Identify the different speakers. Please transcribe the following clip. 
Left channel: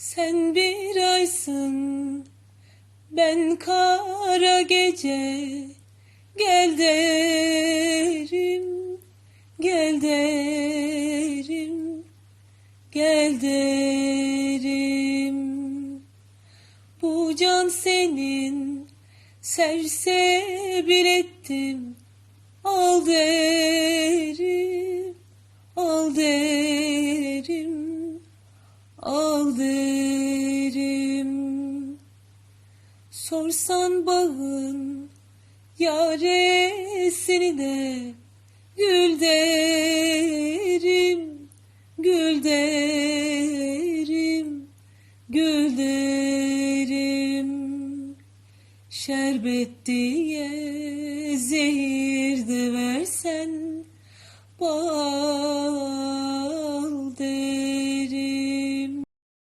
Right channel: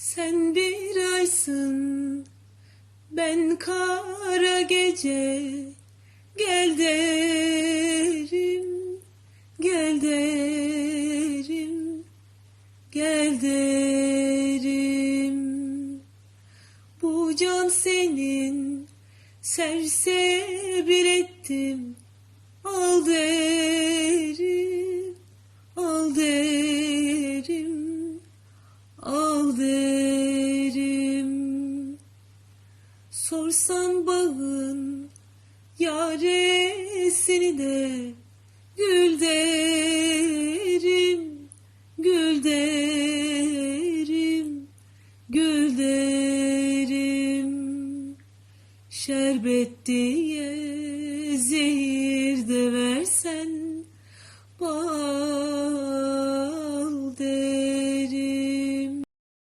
Speaker 1: Sen bir aysın, ben kara gece. Gel derim, gel derim, gel derim. Bu can senin, sersebil ettim. Al derim, Sorsan bağın yaresini de gül derim, gül derim, gül derim. Şerbet diye zehir